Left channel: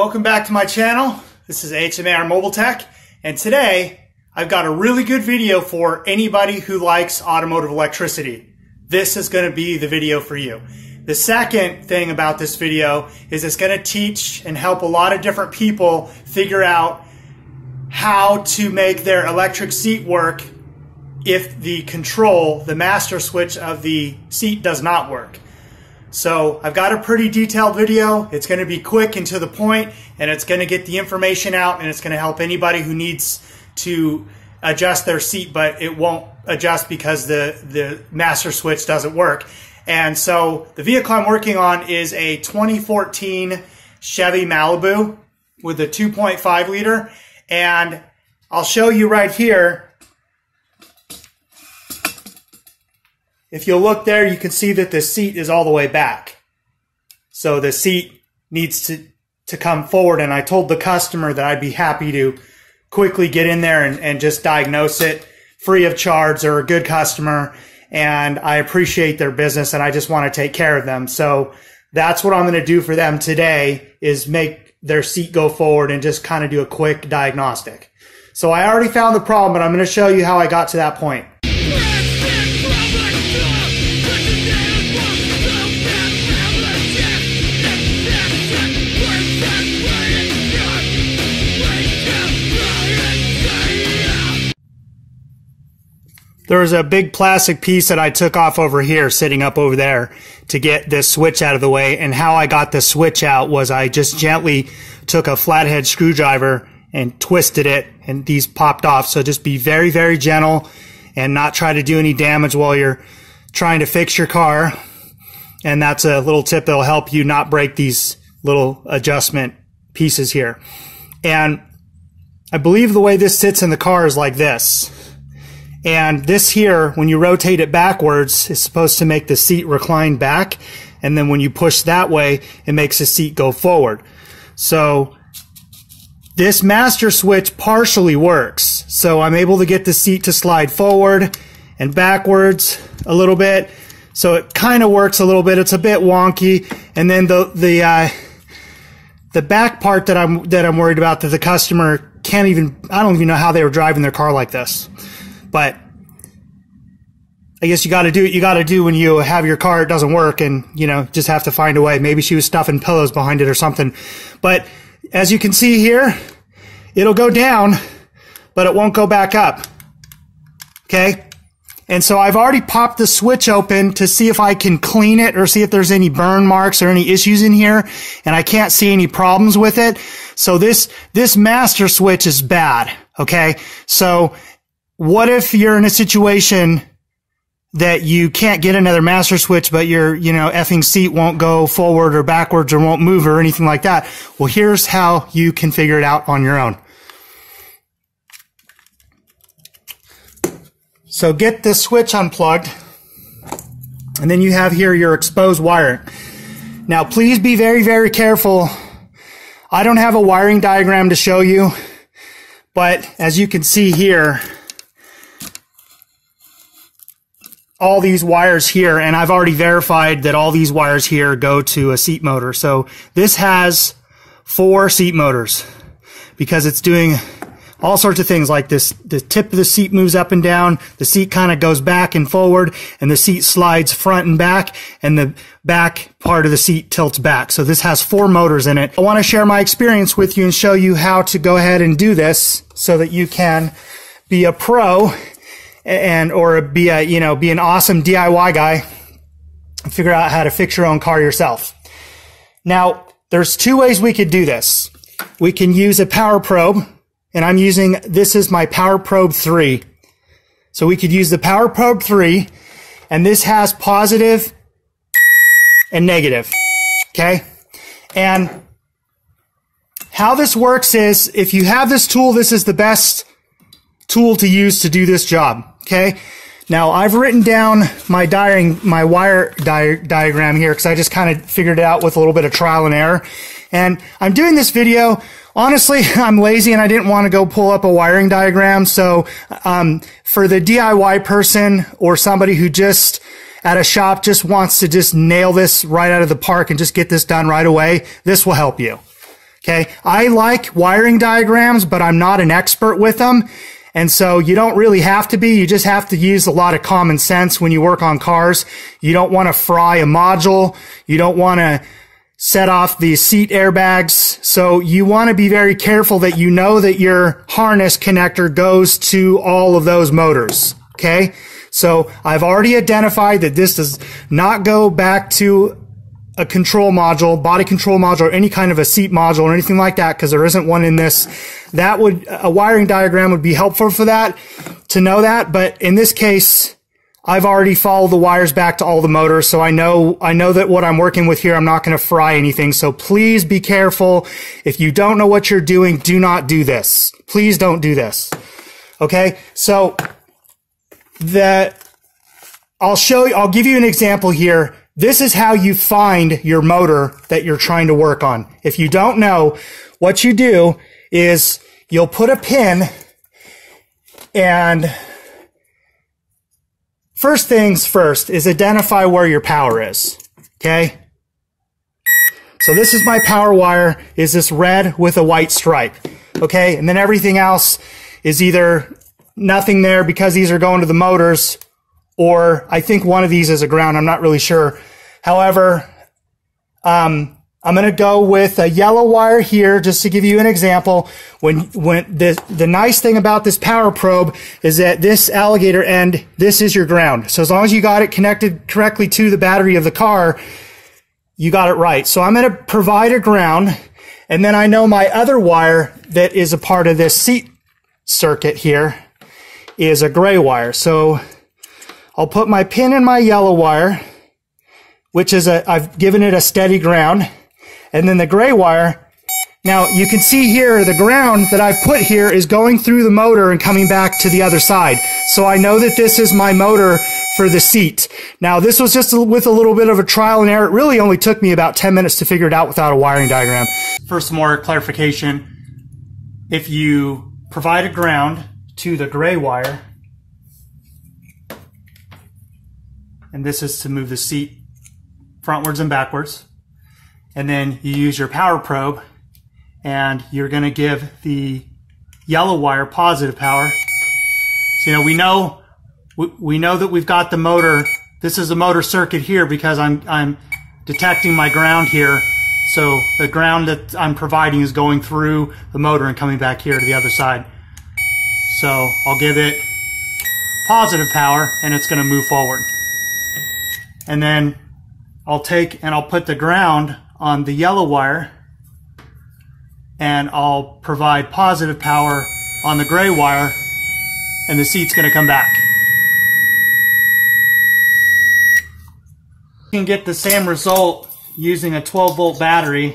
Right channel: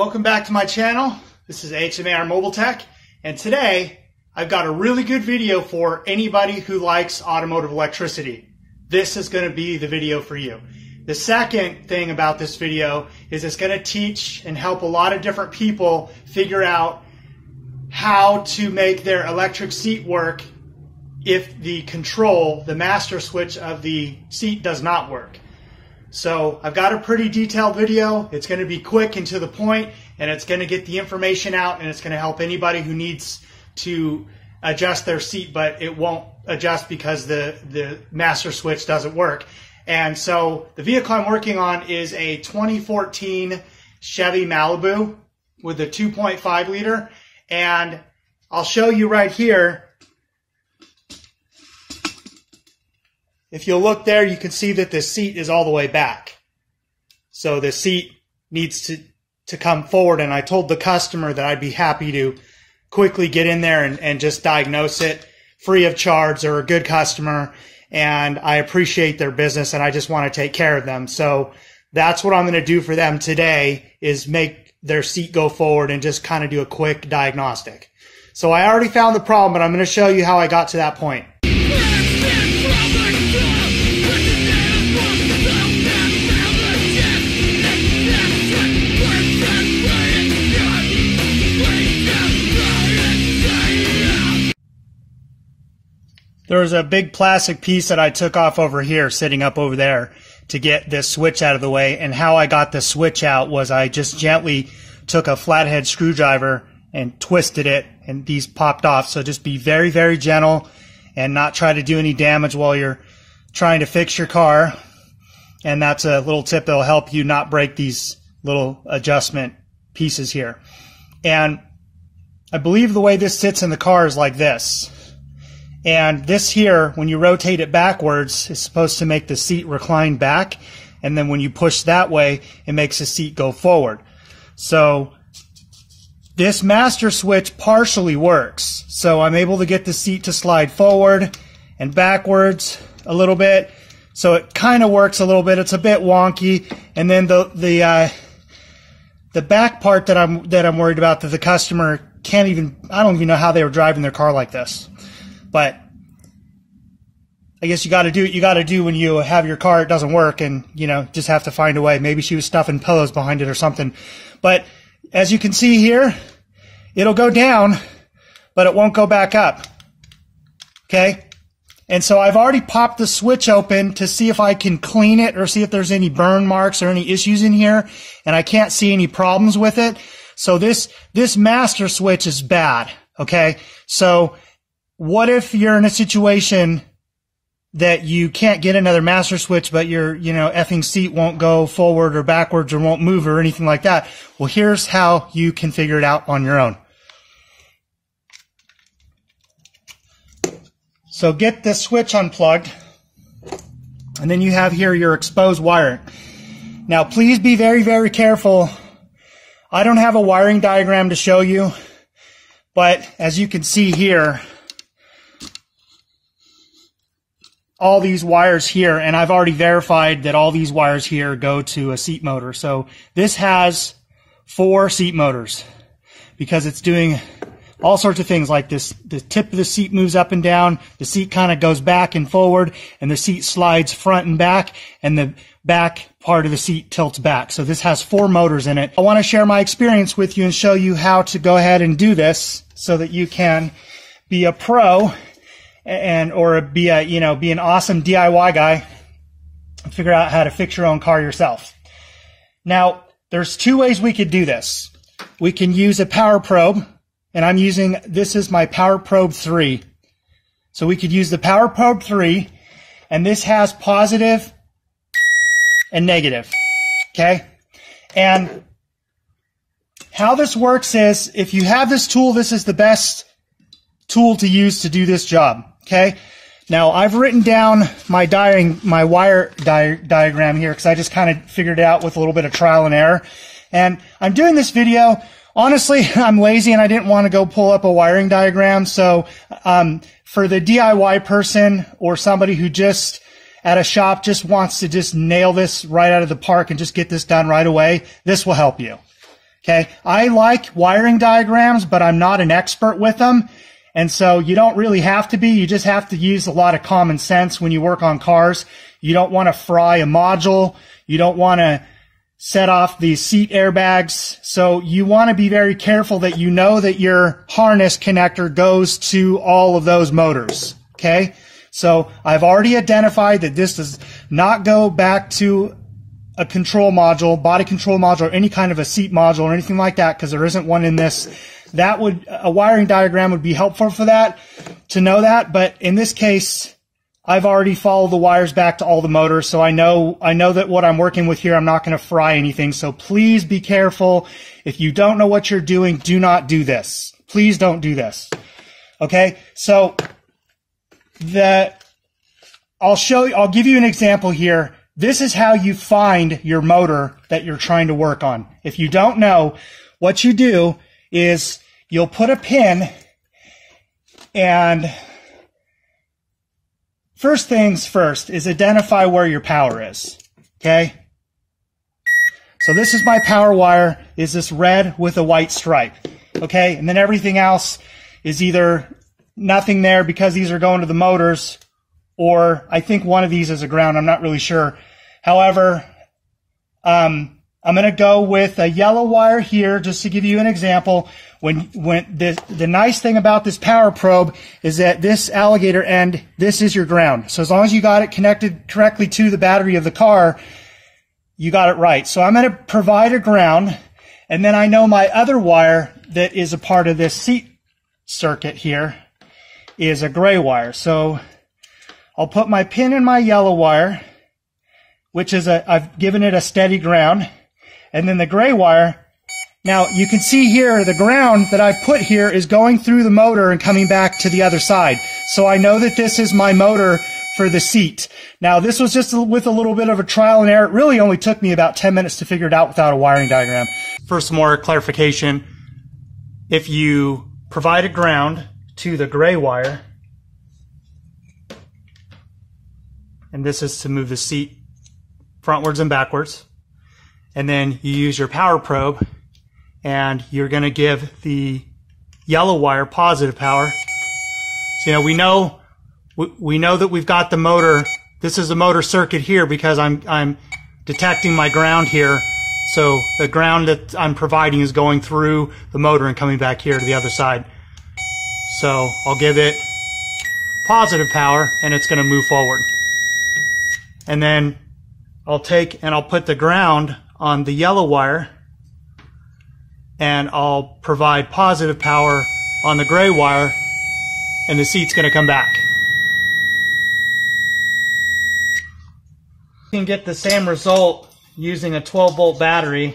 Welcome back to my channel. This is HMAR Mobile Tech, and today I've got a really good video for anybody who likes automotive electricity. This is going to be the video for you. The second thing about this video is it's going to teach and help a lot of different people figure out how to make their electric seat work if the control, the master switch of the seat does not work. So I've got a pretty detailed video. It's going to be quick and to the point, and it's going to get the information out, and it's going to help anybody who needs to adjust their seat, but it won't adjust because the master switch doesn't work. And so the vehicle I'm working on is a 2014 Chevy Malibu with a 2.5 liter, and I'll show you right here. If you look there, you can see that the seat is all the way back. So the seat needs to come forward, and I told the customer that I'd be happy to quickly get in there and just diagnose it free of charge. They're a good customer, and I appreciate their business, and I just want to take care of them. So that's what I'm going to do for them today, is make their seat go forward and just kind of do a quick diagnostic. So I already found the problem, but I'm going to show you how I got to that point. There was a big plastic piece that I took off over here, sitting up over there, to get this switch out of the way. And how I got the switch out was I just gently took a flathead screwdriver and twisted it, and these popped off. So just be very, very gentle and not try to do any damage while you're trying to fix your car. And that's a little tip that'll help you not break these little adjustment pieces here. And I believe the way this sits in the car is like this. And this here, when you rotate it backwards, is supposed to make the seat recline back. And then when you push that way, it makes the seat go forward. So this master switch partially works. So I'm able to get the seat to slide forward and backwards a little bit. So it kind of works a little bit. It's a bit wonky. And then the back part that I'm worried about, that the customer can't even, I don't even know how they were driving their car like this. But I guess you got to do what you got to do when you have your car, it doesn't work, and you know, just have to find a way. Maybe she was stuffing pillows behind it or something. But as you can see here, it'll go down, but it won't go back up. Okay? And so I've already popped the switch open to see if I can clean it or see if there's any burn marks or any issues in here, and I can't see any problems with it. So this master switch is bad. Okay? So what if you're in a situation that you can't get another master switch, but your, effing seat won't go forward or backwards or won't move or anything like that? Well, here's how you can figure it out on your own. So get the switch unplugged, and then you have here your exposed wiring. Now, please be very, very careful. I don't have a wiring diagram to show you, but as you can see here, all these wires here, and I've already verified that all these wires here go to a seat motor. So this has 4 seat motors because it's doing all sorts of things like this. The tip of the seat moves up and down, the seat kind of goes back and forward, and the seat slides front and back, and the back part of the seat tilts back. So this has 4 motors in it. I want to share my experience with you and show you how to go ahead and do this so that you can be a pro or be an awesome DIY guy and figure out how to fix your own car yourself. Now, there's 2 ways we could do this. We can use a power probe, and this is my Power Probe 3. So we could use the Power Probe 3, and this has positive and negative, okay? And how this works is, if you have this tool, this is the best tool to use to do this job, okay? Now, I've written down my wire diagram here because I just kind of figured it out with a little bit of trial and error. And I'm doing this video, honestly, I'm lazy and I didn't want to go pull up a wiring diagram. So for the DIY person or somebody who just at a shop just wants to just nail this right out of the park and just get this done right away, this will help you. Okay, I like wiring diagrams, but I'm not an expert with them. And so you don't really have to be. You just have to use a lot of common sense when you work on cars. You don't want to fry a module. You don't want to set off the seat airbags. So you want to be very careful that you know that your harness connector goes to all of those motors. Okay, so I've already identified that this does not go back to a control module, body control module, or any kind of a seat module or anything like that, because there isn't one in this. A wiring diagram would be helpful for that, to know that. But in this case, I've already followed the wires back to all the motors, so I know that what I'm working with here, I'm not going to fry anything. So please be careful. If you don't know what you're doing, do not do this. Please don't do this. Okay? So I'll give you an example here. This is how you find your motor that you're trying to work on. If you don't know, what you do is you'll put a pin, and first things first is identify where your power is. Okay? So this is my power wire, is this red with a white stripe. Okay? And then everything else is either nothing there because these are going to the motors, or I think one of these is a ground. I'm not really sure. However, I'm going to go with a yellow wire here just to give you an example. When the nice thing about this power probe is that this alligator end, this is your ground. So as long as you got it connected correctly to the battery of the car, you got it right. So I'm going to provide a ground, and then I know my other wire that is a part of this seat circuit here is a gray wire. So I'll put my pin in my yellow wire, which is I've given it a steady ground, and then the gray wire. Now you can see here the ground that I've put here is going through the motor and coming back to the other side. So I know that this is my motor for the seat. Now this was just with a little bit of a trial and error. It really only took me about 10 minutes to figure it out without a wiring diagram. For some more clarification, if you provide a ground to the gray wire, and this is to move the seat frontwards and backwards, and then you use your power probe, and you're going to give the yellow wire positive power. So we know that we've got the motor. This is the motor circuit here because I'm detecting my ground here. So the ground that I'm providing is going through the motor and coming back here to the other side. So I'll give it positive power, and it's going to move forward. And then I'll put the ground on the yellow wire, and I'll provide positive power on the gray wire, and the seat's going to come back. You can get the same result using a 12-volt battery.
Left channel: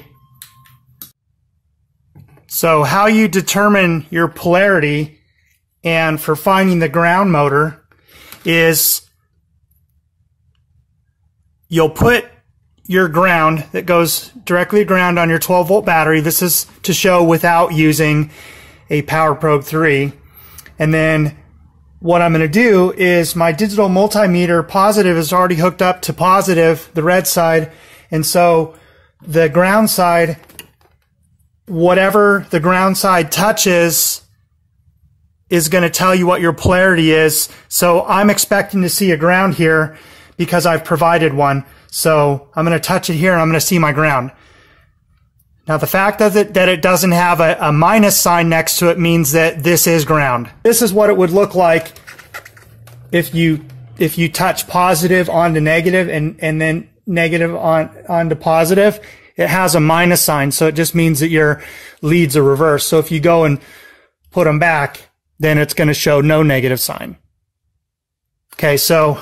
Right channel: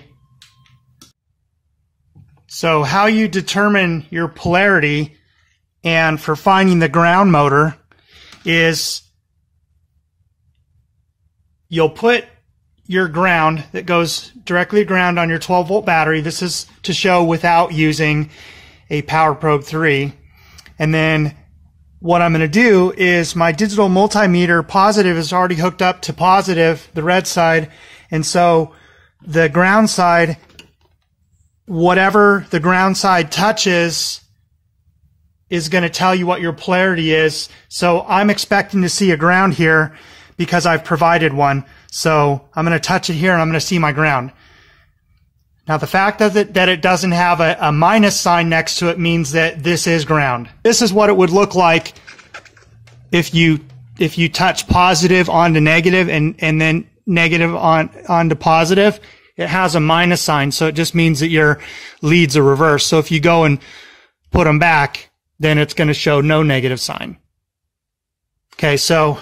So how you determine your polarity and for finding the ground motor is you'll put your ground that goes directly to ground on your 12-volt battery. This is to show without using a Power Probe 3. And then what I'm going to do is my digital multimeter positive is already hooked up to positive, the red side. And so the ground side, whatever the ground side touches, is going to tell you what your polarity is. So I'm expecting to see a ground here because I've provided one. So I'm going to touch it here, and I'm going to see my ground. Now the fact that it doesn't have a minus sign next to it means that this is ground. This is what it would look like if you touch positive onto negative and then negative onto positive. It has a minus sign, so it just means that your leads are reversed. So if you go and put them back, then it's going to show no negative sign. Okay, so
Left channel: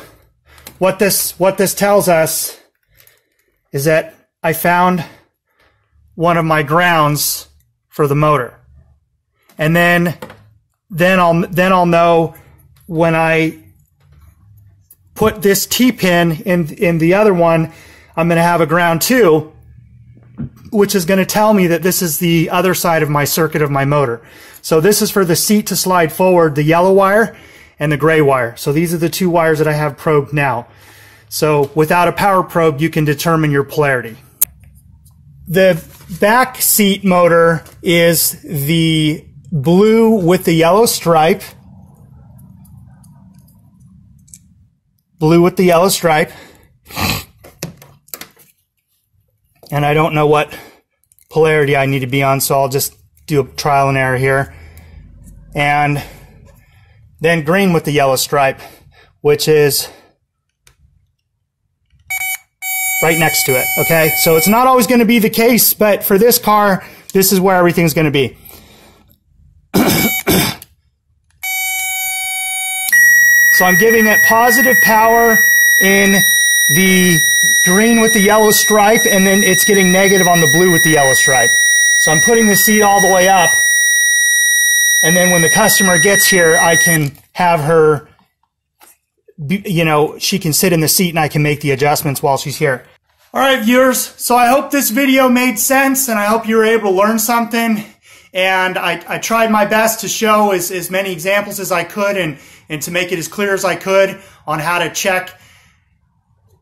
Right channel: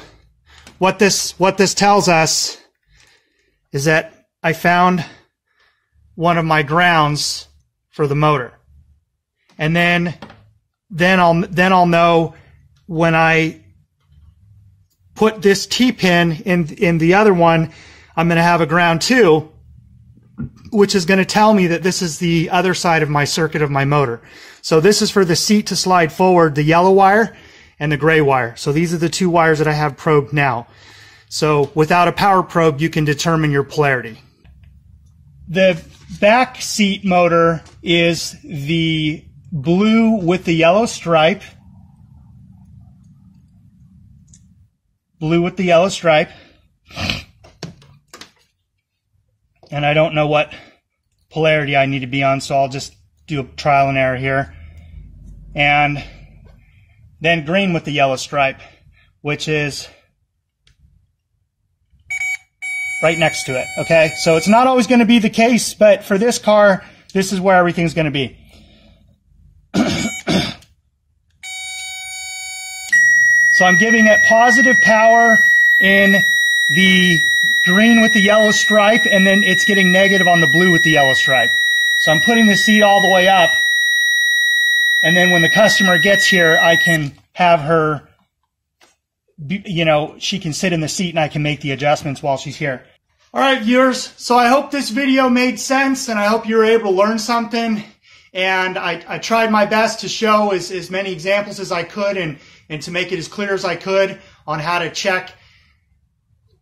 what this tells us is that I found one of my grounds for the motor, and then I'll know when I put this T-pin in the other one, I'm going to have a ground too, which is going to tell me that this is the other side of my circuit of my motor. So this is for the seat to slide forward, the yellow wire and the gray wire. So these are the two wires that I have probed now. So without a power probe, you can determine your polarity. The back seat motor is the blue with the yellow stripe. Blue with the yellow stripe. And I don't know what polarity I need to be on, so I'll just do a trial and error here. And then green with the yellow stripe, which is right next to it, okay? So it's not always going to be the case, but for this car, this is where everything's going to be. So I'm giving it positive power in the green with the yellow stripe, and then it's getting negative on the blue with the yellow stripe. So I'm putting the seat all the way up, and then when the customer gets here, I can have her, you know, she can sit in the seat and I can make the adjustments while she's here. All right, viewers, so I hope this video made sense, and I hope you were able to learn something. And I tried my best to show as many examples as I could and to make it as clear as I could on how to check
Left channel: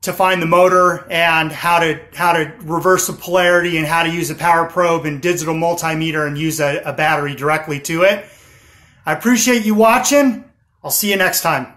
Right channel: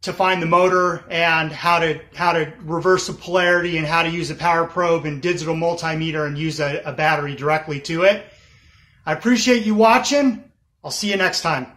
to find the motor and how to reverse the polarity and how to use a power probe and digital multimeter and use a battery directly to it. I appreciate you watching. I'll see you next time.